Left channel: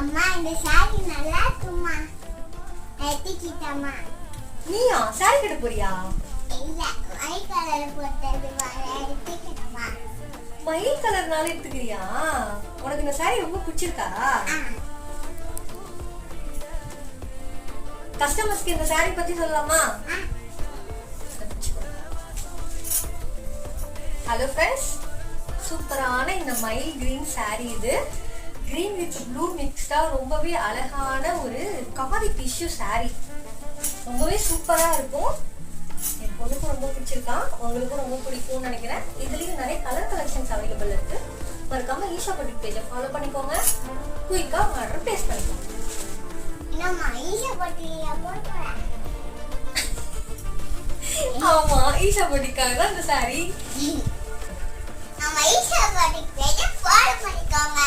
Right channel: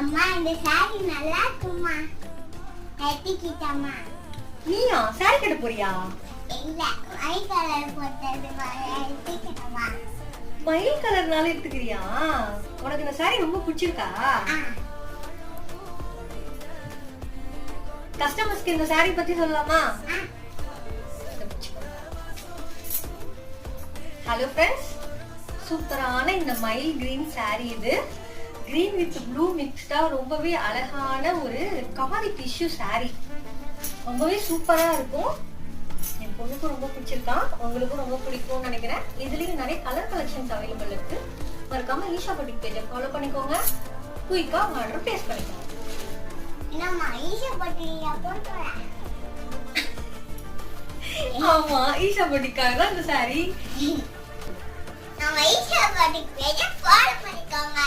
அம்மா இந்த சாரி நல்லா இருக்குமா? எடுத்துக்கிட்டம்மா. நீயா சாரி கட்ட போறியா? இல்ல, ஒயிட் கலர் போட்டது எடுத்துக்கிட்டம்மா. ஒயிட் கலர்னால எடுத்துக்கிறியா? உனக்கு இந்த சாரி ரொம்ப பிடிச்சிருக்கா? கஸ்டமர்ஸ்க்கு இந்த சாரி பத்தி சொல்லலாமா? ஹலோ ஃப்ரெண்ட்ஸ், சூப்பரான இந்த மயில் கிரீன் சாரி. இது கிரீன் வித் ப்ளூ மிக்ஸ்டா ரொம்பவே அழகான ஒரு காதி டிஷ்யூ சாரி. ரொம்பவே சூப்பரா இருக்கும். என் பொண்ணுக்கும் ரொம்ப பிடிச்சிருக்கான், உங்களுக்கும் ரொம்ப பிடிக்கும்னு நினைக்கிறேன். இதுலயும் நிறைய கலர் கலெக்ஷன்ஸ் அவைலபிள் இருக்கு. மறக்காம ஈஷா பொட்டிக் பேஜை ஃபாலோ பண்ணிக்கோங்க. குயிக்கா உங்க ஆர்டர் பிளேஸ் பண்ணிக்கோங்க. ஆமா, ஈஷா பொட்டிக்காக தான் இந்த சாரி. நம்ம ஈஷா பொட்டிக் பேஜை ஃபாலோ பண்ணிக்கோங்க.